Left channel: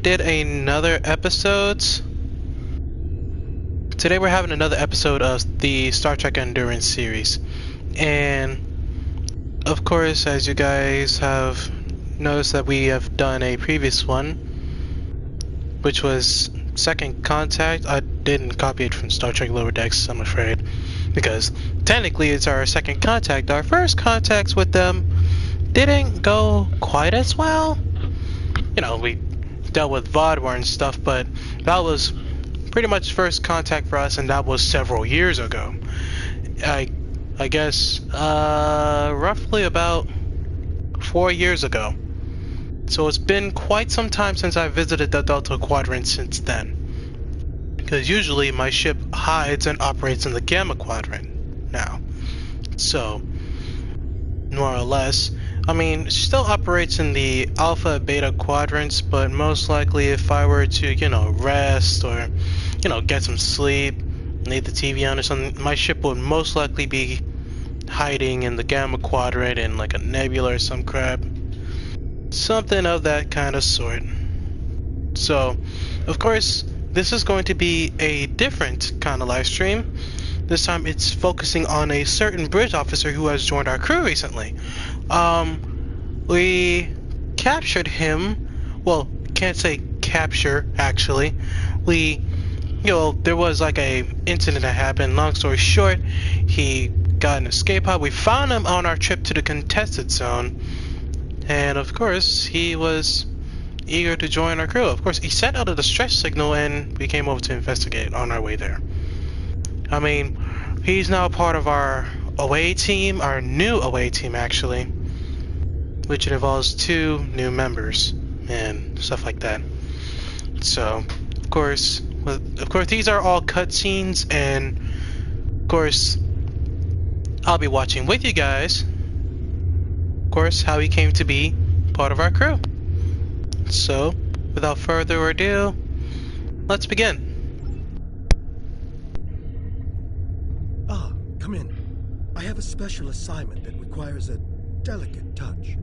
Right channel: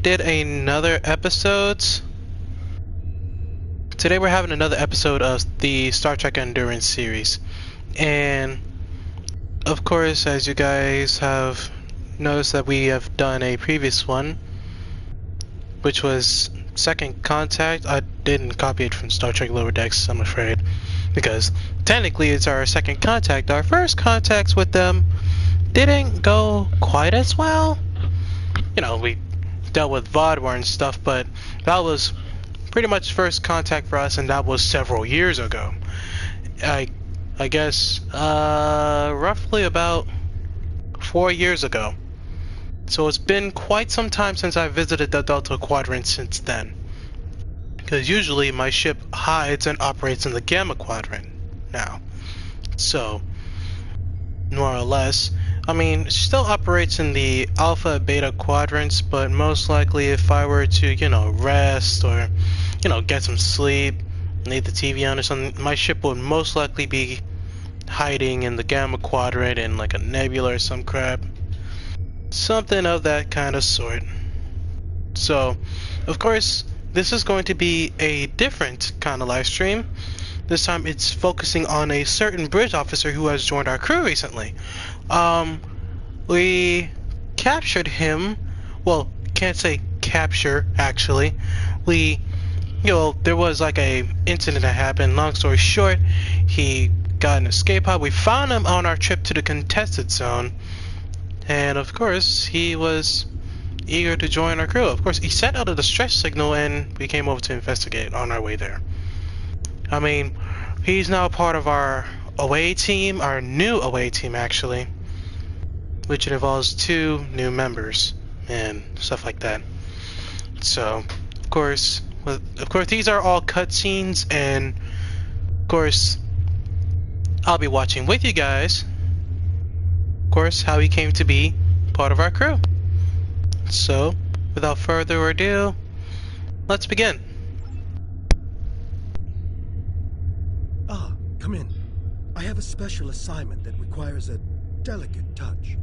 Did another episode. Today we're having another episode of the Star Trek Endurance series. And of course, as you guys have noticed that we have done a previous one, which was Second Contact. I didn't copy it from Star Trek Lower Decks, I'm afraid, because technically it's our second contact. Our first contacts with them didn't go quite as well. You know, we dealt with Vodwar and stuff, but that was pretty much first contact for us, and that was several years ago. I I guess roughly about 4 years ago. So it's been quite some time since I visited the Delta Quadrant since then. Because usually my ship hides and operates in the Gamma Quadrant now. So, more or less. I mean, it still operates in the Alpha Beta quadrants, but most likely if I were to, rest or, get some sleep, leave the TV on or something, my ship would most likely be hiding in the Gamma Quadrant in like a nebula or some crap. Something of that kind of sort. So, of course, this is going to be a different kind of live stream. This time it's focusing on a certain bridge officer who has joined our crew recently. We captured him. Well, can't say capture, actually. We, there was like a incident that happened. Long story short, he got an escape pod. We found him on our trip to the contested zone. And of course, he was eager to join our crew. Of course, he sent out a distress signal and we came over to investigate on our way there. I mean, he's now part of our away team, our new away team actually, which involves 2 new members and stuff like that. So, of course, these are all cutscenes, and of course, I'll be watching with you guys. Of course, how he came to be part of our crew. So, without further ado, let's begin. Ah, come in. I have a special assignment that requires a delicate touch.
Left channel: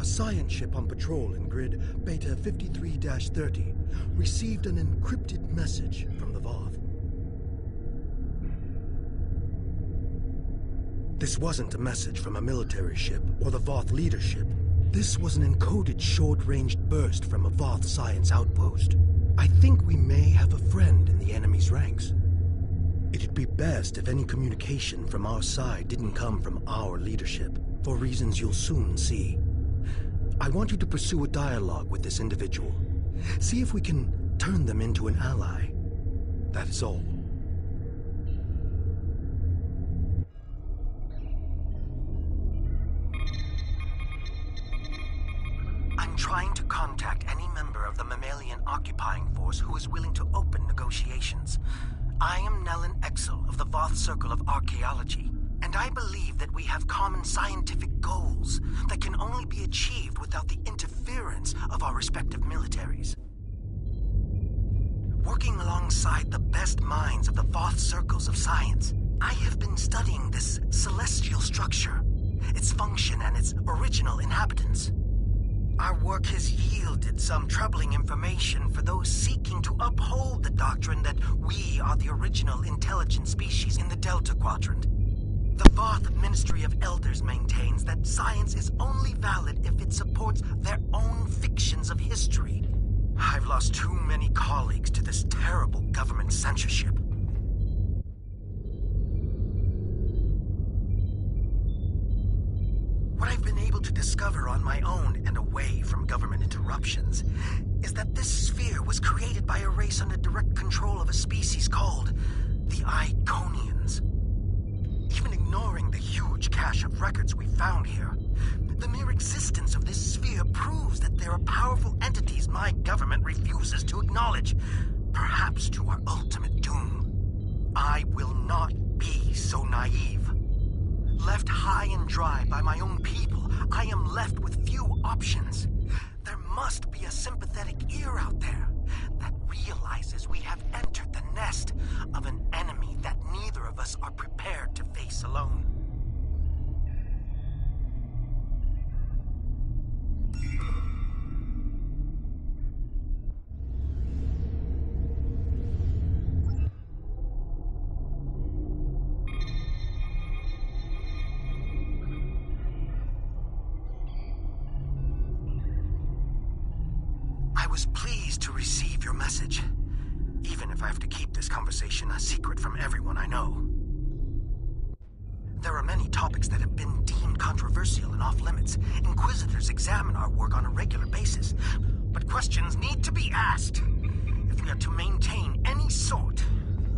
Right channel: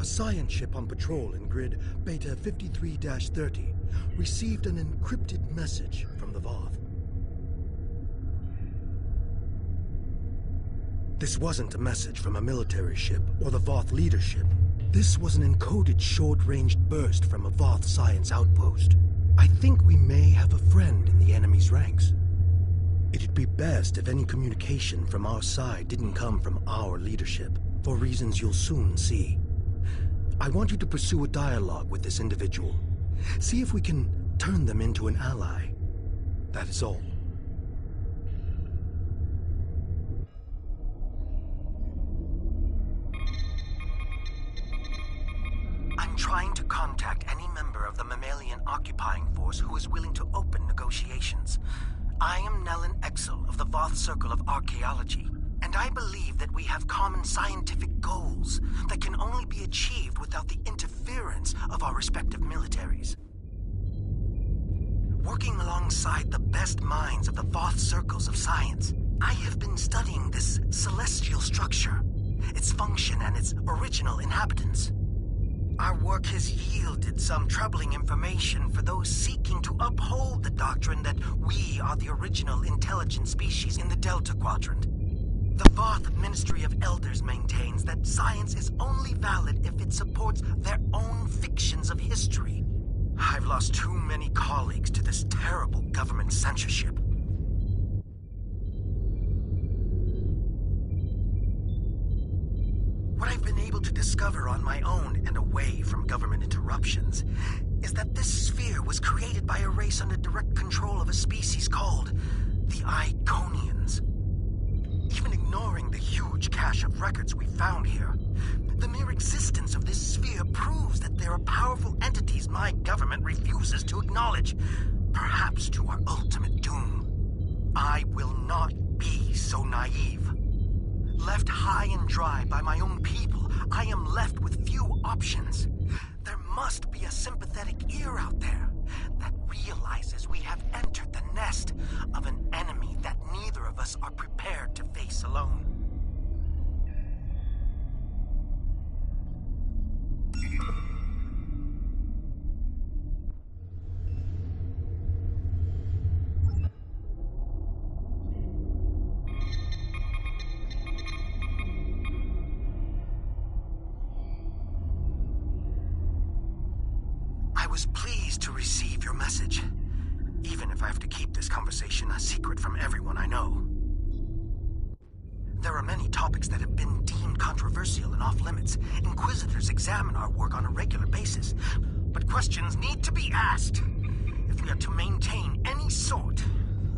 A science ship on patrol in grid Beta 53-30 received an encrypted message from the Voth. This wasn't a message from a military ship or the Voth leadership. This was an encoded short-ranged burst from a Voth science outpost. I think we may have a friend in the enemy's ranks. It'd be best if any communication from our side didn't come from our leadership, for reasons you'll soon see. I want you to pursue a dialogue with this individual. See if we can turn them into an ally. That is all. I'm trying to contact any member of the mammalian occupying force who is willing to open negotiations. I am Nelen Exile of the Voth Circle of Archaeology, and I believe that we have common scientific goals that can only be achieved without the interference of our respective militaries. Working alongside the best minds of the Voth Circles of Science, I have been studying this celestial structure, its function and its original inhabitants. Our work has yielded some troubling information for those seeking to uphold the doctrine that we are the original intelligent species in the Delta Quadrant. The Voth Ministry of Elders maintains that science is only valid if it supports their own fictions of history. I've lost too many colleagues to this terrible government censorship. What I've been able to discover on my own and away from government interruptions is that this sphere was created by a race under direct control of a species called the Iconians. Even ignoring the huge cache of records we found here, the mere existence of this sphere proves that there are powerful entities my government refuses to acknowledge, perhaps to our ultimate doom. I will not be so naive. Left high and dry by my own people, I am left with few options. There must be a sympathetic ear out there that realizes we have entered the nest of an enemy that neither of us are prepared to face alone. was pleased to receive your message, even if I have to keep this conversation a secret from everyone I know. There are many topics that have been deemed controversial and off-limits. Inquisitors examine our work on a regular basis, but questions need to be asked if we are to maintain any sort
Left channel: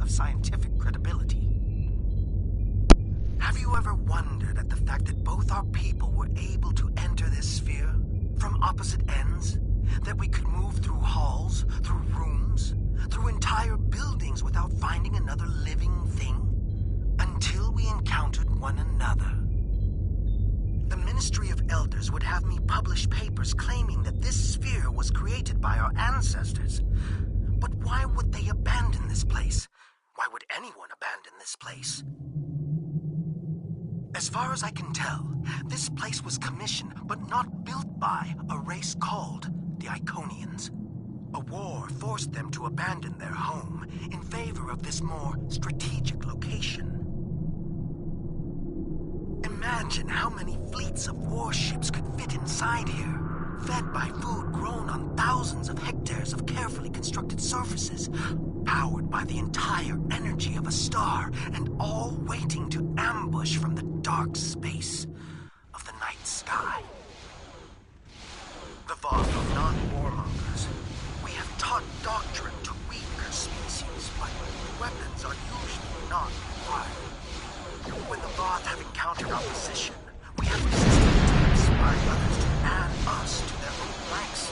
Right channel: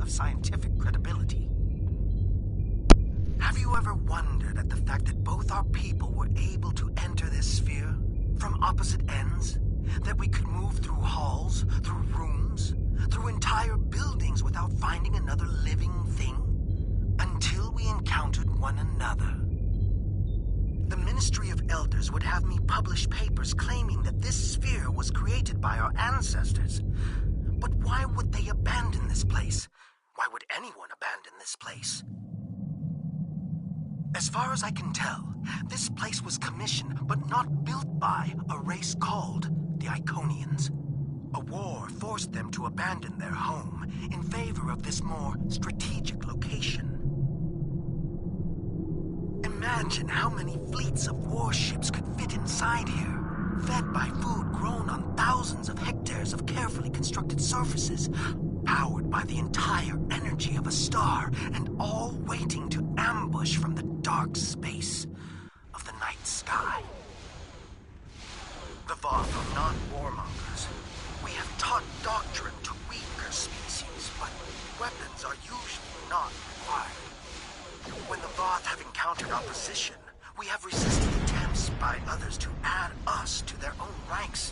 of scientific credibility. Have you ever wondered at the fact that both our people were able to enter this sphere from opposite ends? That we could move through halls, through rooms, through entire buildings without finding another living thing? Until we encountered one another. The Ministry of Elders would have me publish papers claiming that this sphere was created by our ancestors. But why would they abandon this place? Why would anyone abandon this place? As far as I can tell, this place was commissioned but not built by a race called the Iconians. A war forced them to abandon their home in favor of this more strategic location. Imagine how many fleets of warships could fit inside here, fed by food grown on thousands of hectares of carefully constructed surfaces, powered by the entire energy of a star, and all waiting to ambush from the dark space of the night sky. The Voth are not warmongers. We have taught doctrine to weaker species, but weapons are usually not required. When the Voth have encountered opposition, we have resisted attempts by others to add us to their own ranks.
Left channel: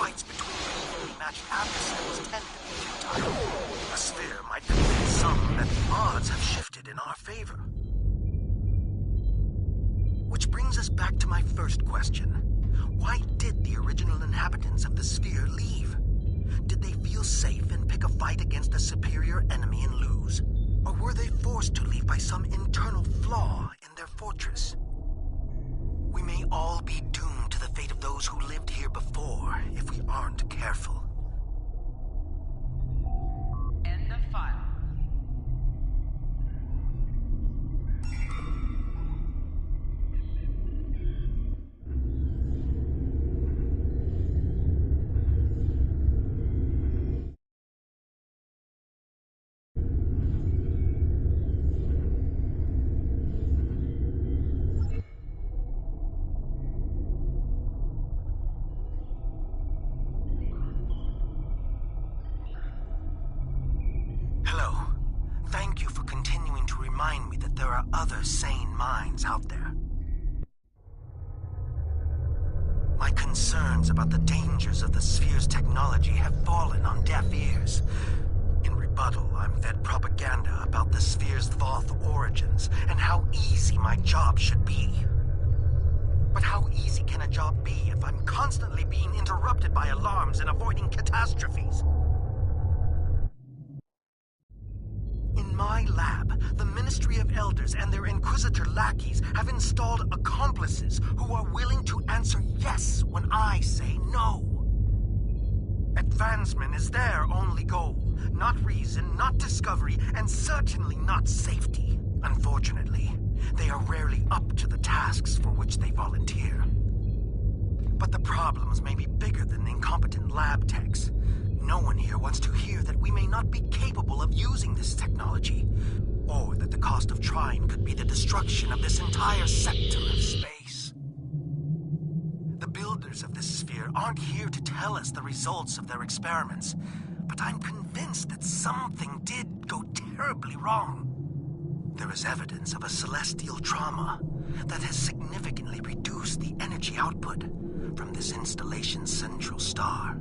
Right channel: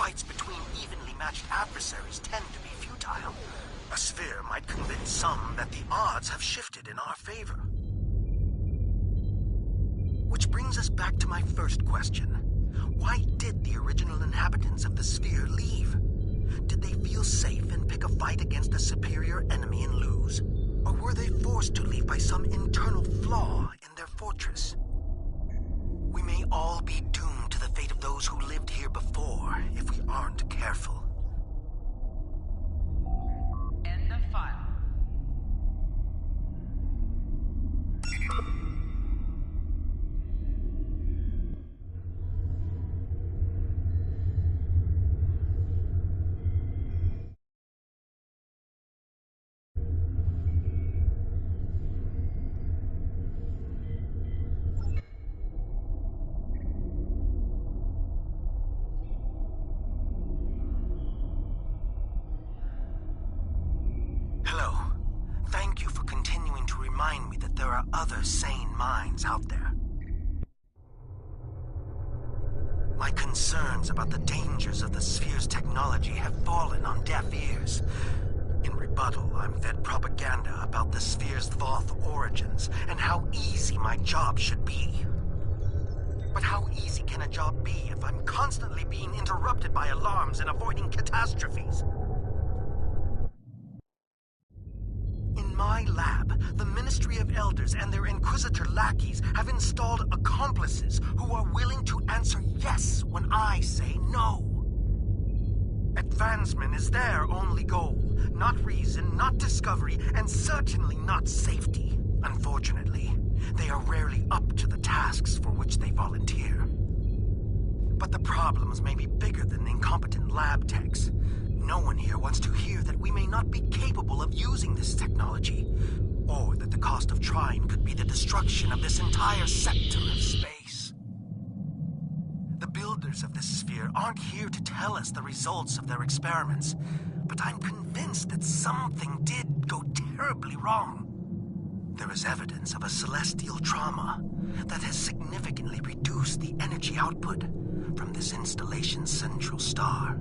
Fights between evenly matched adversaries tend to be futile. A sphere might convince some that the odds have shifted in our favor. Which brings us back to my first question. Why did the original inhabitants of the sphere leave? Did they feel safe and pick a fight against a superior enemy and lose? Or were they forced to leave by some internal flaw in their fortress? We may all be doomed to the fate of those who lived here before if we aren't careful. End of file. Hello. Thank you for continuing to remind me that there are other sane minds out there. My concerns about the dangers of the sphere's technology have fallen on deaf ears. In rebuttal, I'm fed propaganda about the sphere's Voth origins and how easy my job should be. But how easy can a job be if I'm constantly being interrupted by alarms and avoiding catastrophes? In my lab, the Ministry of Elders and their Inquisitor lackeys have installed accomplices who are willing to answer yes when I say no. Advancement is their only goal, not reason, not discovery, and certainly not safety. Unfortunately, they are rarely up to the tasks for which they volunteer. But the problems may be bigger than incompetent lab techs. No one here wants to hear that we may not be capable of using this technology, or that the cost of trying could be the destruction of this entire sector of space. The builders of this sphere aren't here to tell us the results of their experiments, but I'm convinced that something did go terribly wrong. There is evidence of a celestial trauma that has significantly reduced the energy output from this installation's central star.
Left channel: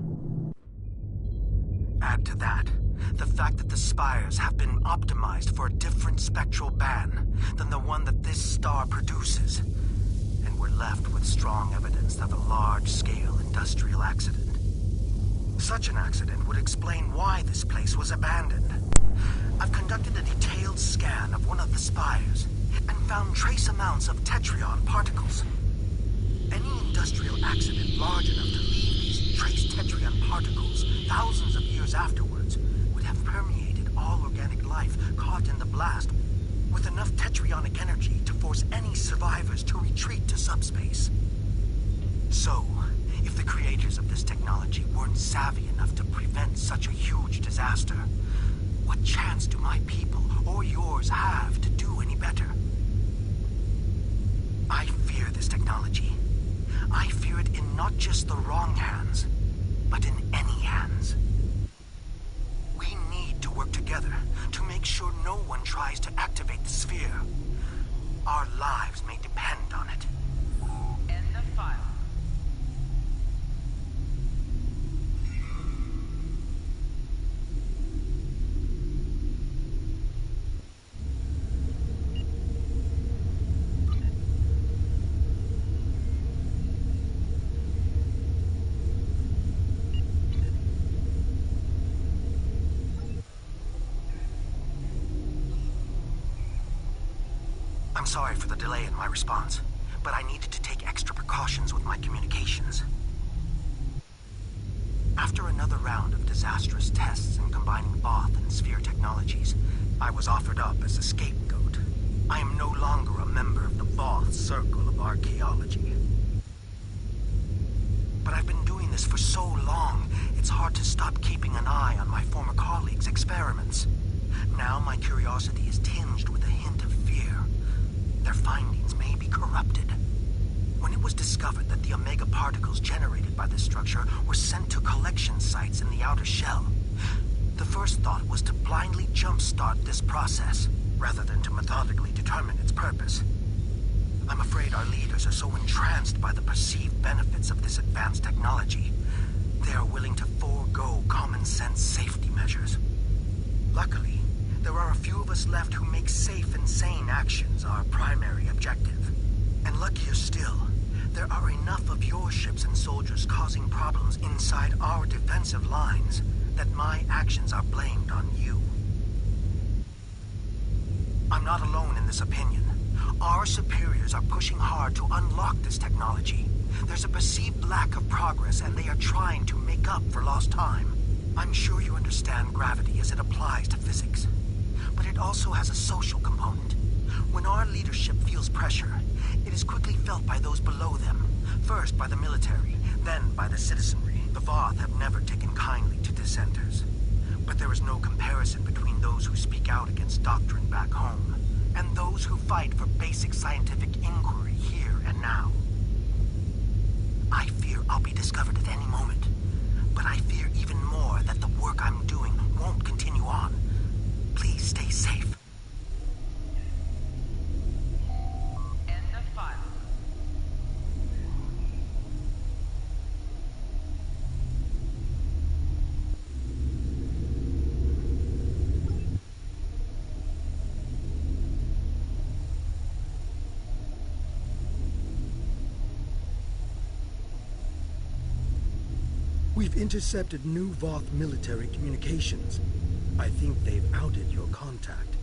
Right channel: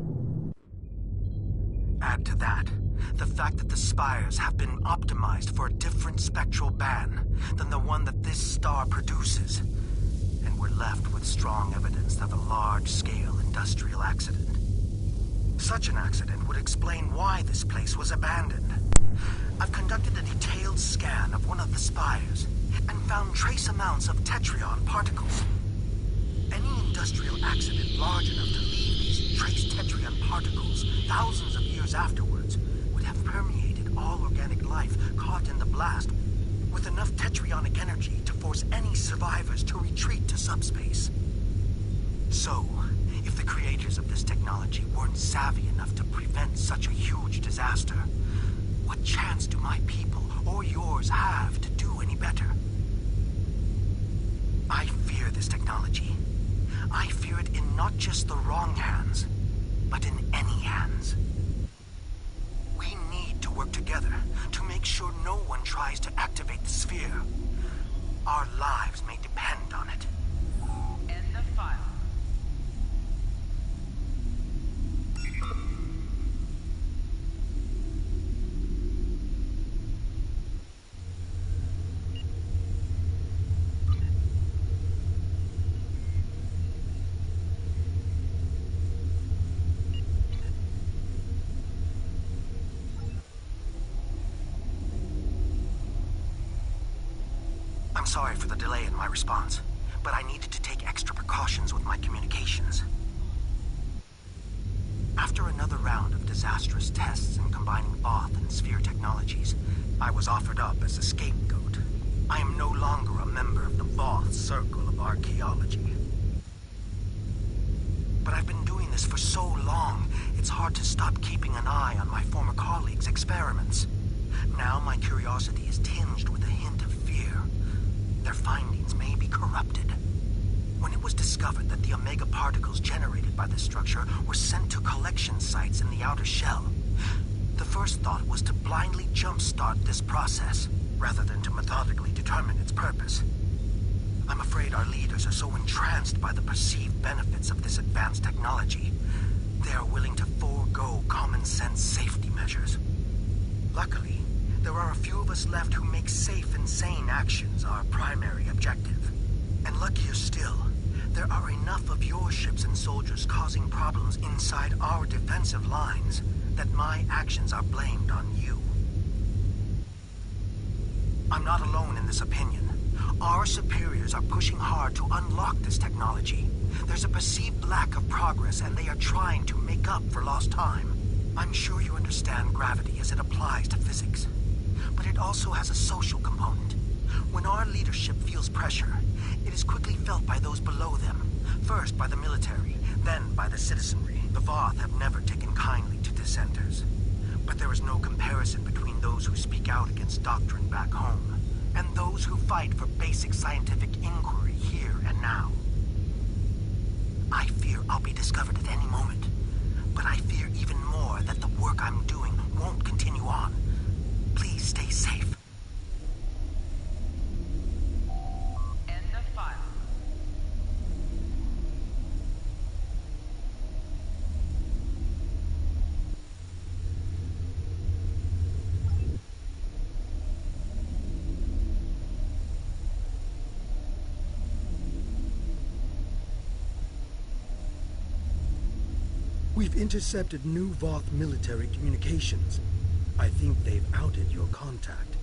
Add to that the fact that the spires have been optimized for a different spectral band than the one that this star produces, and we're left with strong evidence of a large-scale industrial accident. Such an accident would explain why this place was abandoned. I've conducted a detailed scan of one of the spires and found trace amounts of tetrion particles. Any industrial accident large enough to leave these trace tetrion particles thousands of years afterwards would have permeated all organic life caught in the blast with enough tetrionic energy to force any survivors to retreat to subspace. So, If the creators of this technology weren't savvy enough to prevent such a huge disaster, what chance do my people or yours have to do any better? I fear this technology. I fear it in not just the wrong hands, but in any hands. We need to work together to make sure no one tries to activate the sphere. Our lives may depend on it. End of file. I'm sorry for the delay in my response, but I needed to take extra precautions with my communications. After another round of disastrous tests in combining Voth and Sphere technologies, I was offered up as a scapegoat. I am no longer a member of the Voth Circle of Archaeology. But I've been doing this for so long, it's hard to stop keeping an eye on my former colleagues' experiments. Now my curiosity is tinged with a hint of fear. Their findings may be corrupted. When it was discovered that the Omega particles generated by this structure were sent to collection sites in the outer shell, the first thought was to blindly jumpstart this process, rather than to methodically determine its purpose. I'm afraid our leaders are so entranced by the perceived benefits of this advanced technology, they are willing to forego common-sense safety measures. Luckily, there are a few of us left who make safe and sane actions our primary objective. And luckier still, there are enough of your ships and soldiers causing problems inside our defensive lines that my actions are blamed on you. I'm not alone in this opinion. Our superiors are pushing hard to unlock this technology. There's a perceived lack of progress, and they are trying to make up for lost time. I'm sure you understand gravity as it applies to physics. But it also has a social component. When our leadership feels pressure, it is quickly felt by those below them. First by the military, then by the citizenry. The Voth have never taken kindly to dissenters. But there is no comparison between those who speak out against doctrine back home and those who fight for basic scientific inquiry here and now. I fear I'll be discovered at any moment, but I fear even more that the work I'm doing won't continue on. Please stay safe. End of file. We've intercepted new Voth military communications. I think they've outed your contact.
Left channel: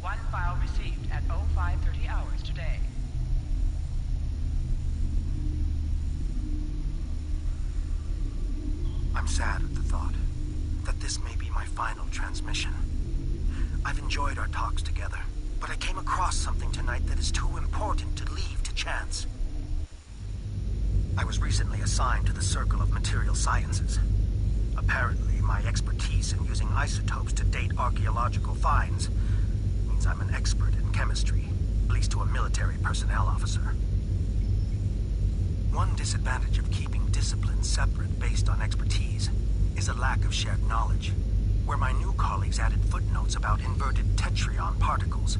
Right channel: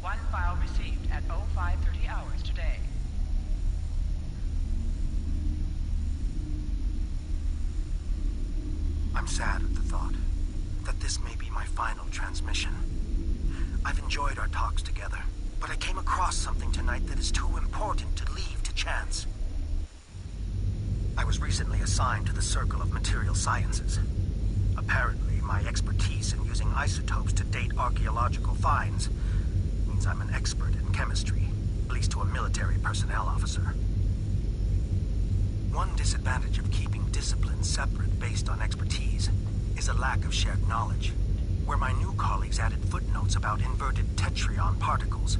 One file received at 0530 hours today. I'm sad at the thought that this may be my final transmission. I've enjoyed our talks together, but I came across something tonight that is too important to leave to chance. I was recently assigned to the Circle of Material Sciences. Apparently, my expertise in using isotopes to date archaeological finds means I'm an expert in chemistry, at least to a military personnel officer. One disadvantage of keeping disciplines separate based on expertise is a lack of shared knowledge, where my new colleagues added footnotes about inverted tetryon particles.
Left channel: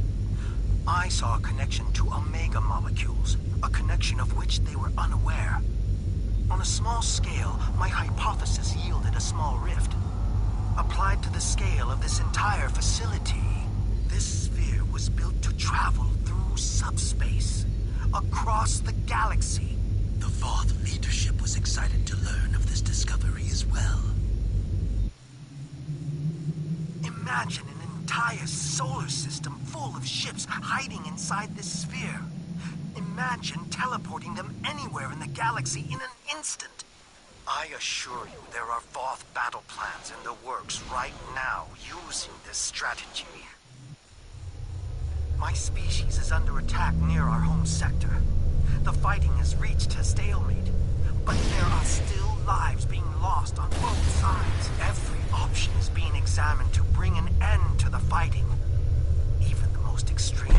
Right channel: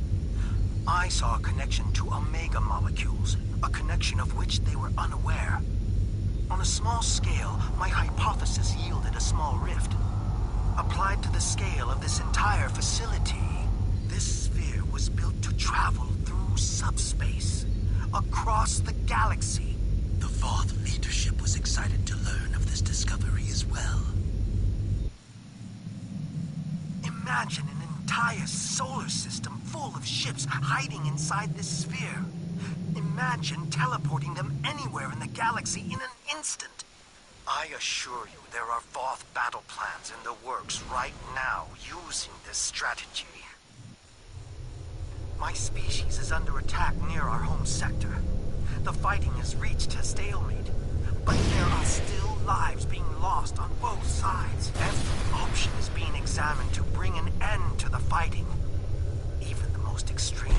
I saw a connection to omega molecules, a connection of which they were unaware. On a small scale, my hypothesis yielded a small rift. Applied to the scale of this entire facility, this sphere was built to travel through subspace, across the galaxy. The Voth leadership was excited to learn of this discovery as well. Imagine an entire solar system full of ships hiding inside this sphere. Imagine teleporting them anywhere in the galaxy in an instant. I assure you there are Voth battle plans in the works right now using this strategy. My species is under attack near our home sector. The fighting has reached a stalemate, but there are still lives being lost on both sides. Every option is being examined to bring an end to the fighting, even the most extreme.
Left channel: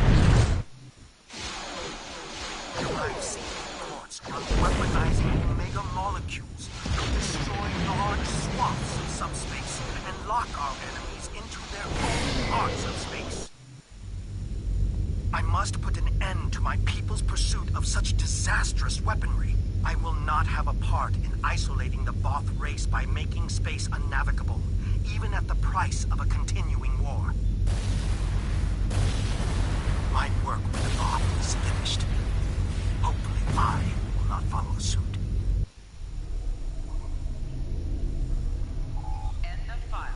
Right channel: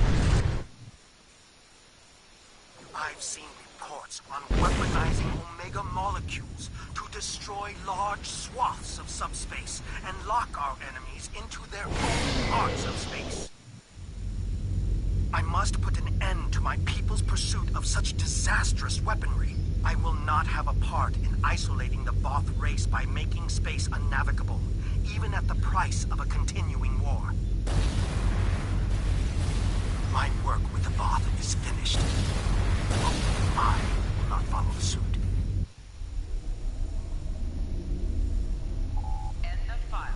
I've seen reports on weaponizing Omega molecules to destroy large swaths of subspace and lock our enemies into their own parts of space. I must put an end to my people's pursuit of such disastrous weaponry. I will not have a part in isolating the Voth race by making space unnavigable, even at the price of a continuing war. My work with the Voth is finished. Hopefully I will not follow suit. End of file.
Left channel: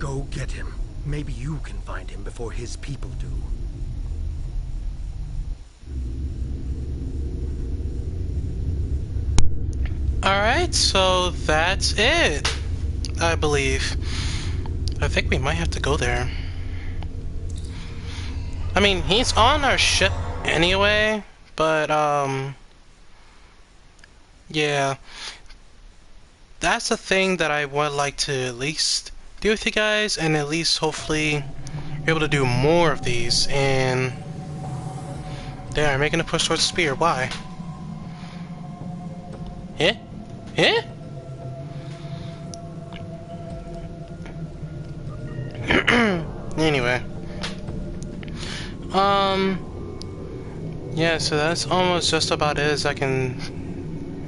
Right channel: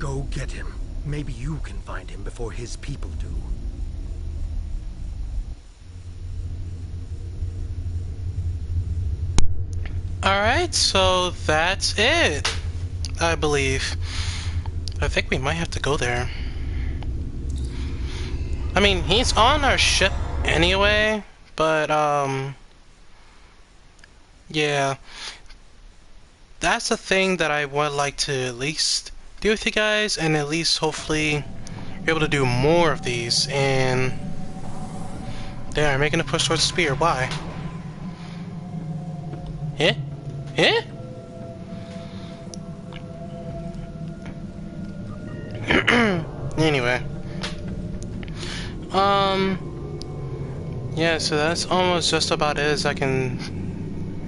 Go get him. Maybe you can find him before his people do. Alright, so that's it, I believe. I think we might have to go there. I mean, he's on our ship anyway, but, yeah. That's the thing that I would like to at least do with you guys, and at least hopefully be able to do more of these, and... There, I'm making a push towards the spear, why? Yeah? Yeah? Anyway. Yeah, so that's almost just about it as I can...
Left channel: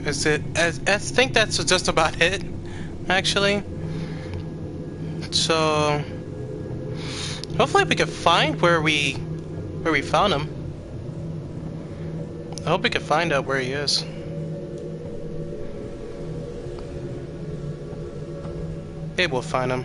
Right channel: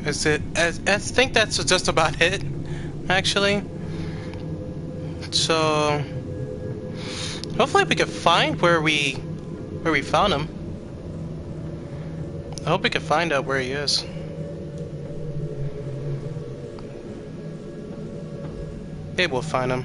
I think that's just about it, actually. So... Hopefully we can find where we found him. I hope we can find out where he is. Maybe we'll find him.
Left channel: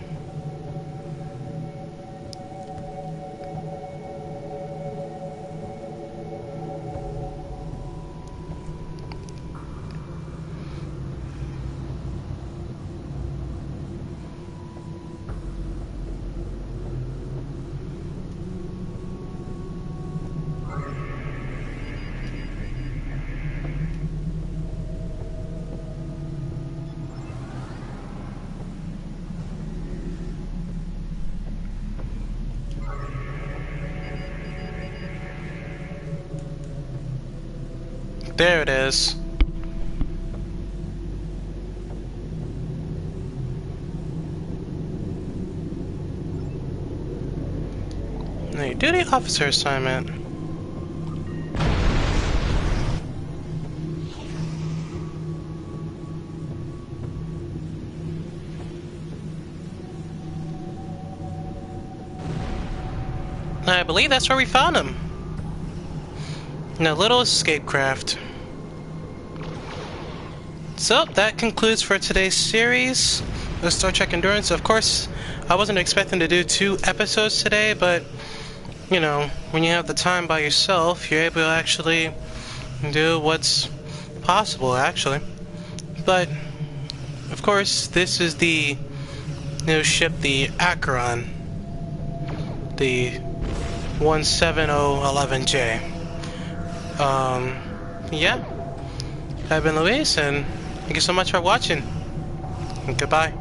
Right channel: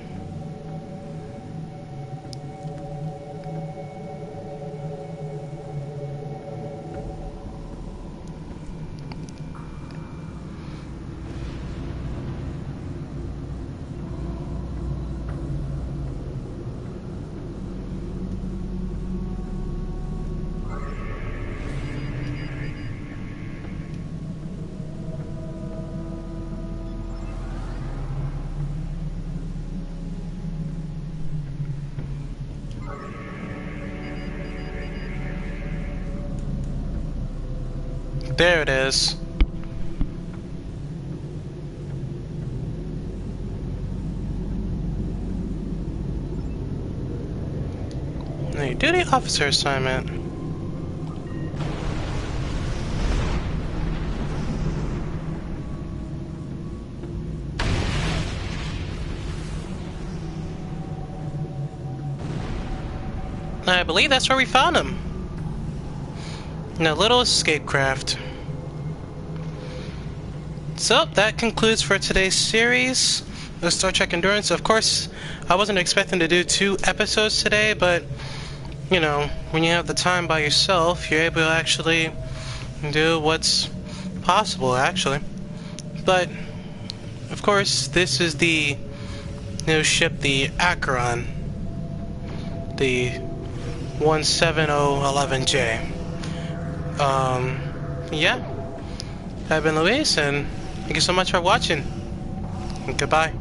There it is. Hey, duty officer assignment. I believe that's where we found him. In a little escape craft. So, that concludes for today's series of Star Trek Endurance. Of course, I wasn't expecting to do 2 episodes today, but, you know, when you have the time by yourself, you're able to actually do what's possible, actually. But, of course, this is the new ship, the Acheron. The 17011J. Yeah. I've been Luis, and thank you so much for watching. And goodbye.